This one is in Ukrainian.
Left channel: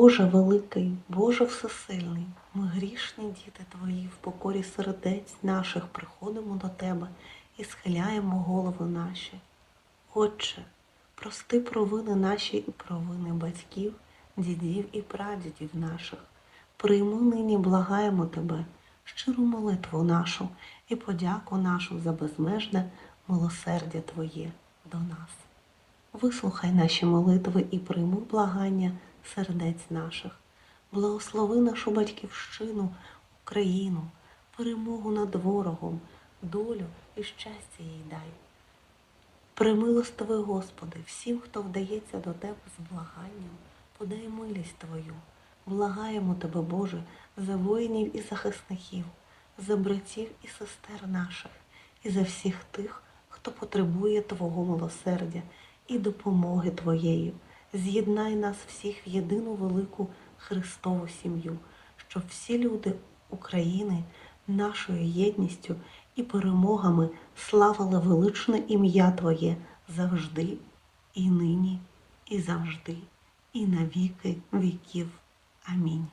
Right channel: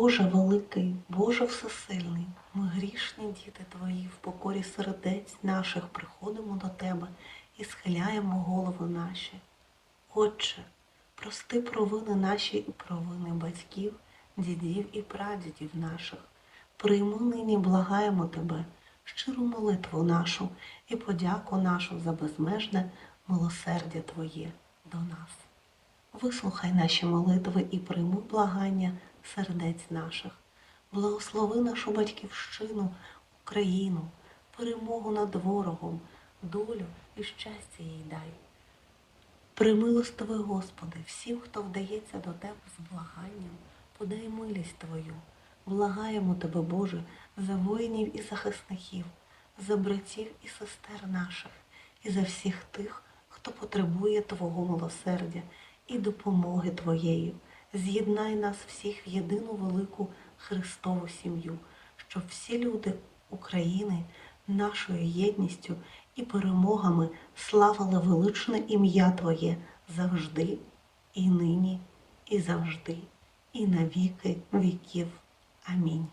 Боже великий, Боже всесильний, ми грішні діти Твої, в покорі сердець наших приходимо до Тебе і схиляємо голови наші. Отче, прости провини наші і провини батьків, дідів і прадідів наших. Прийми нині, благаємо Тебе, щиру молитву нашу і подяку нашу за безмежне милосердя Твоє до нас. Вислухай наші молитви і прийми благання сердець наших, благослови нашу батьківщину, Україну, перемогу над ворогом, долю і щастя їй дай. Примилостивий, Господи, всім, хто вдається до Тебе з благанням, подай милість Твою, благаємо Тебе, Боже, за воїнів і захисників, за братів і сестер наших, і за всіх тих, хто потребує Твого милосердя і допомоги Твоєї з'єднай нас всіх в єдину велику Христову сім'ю, щоб всі люди України нашою єдністю і перемогами славили величне ім'я Твоє завжди, і нині, і завжди, і навіки віків. Амінь.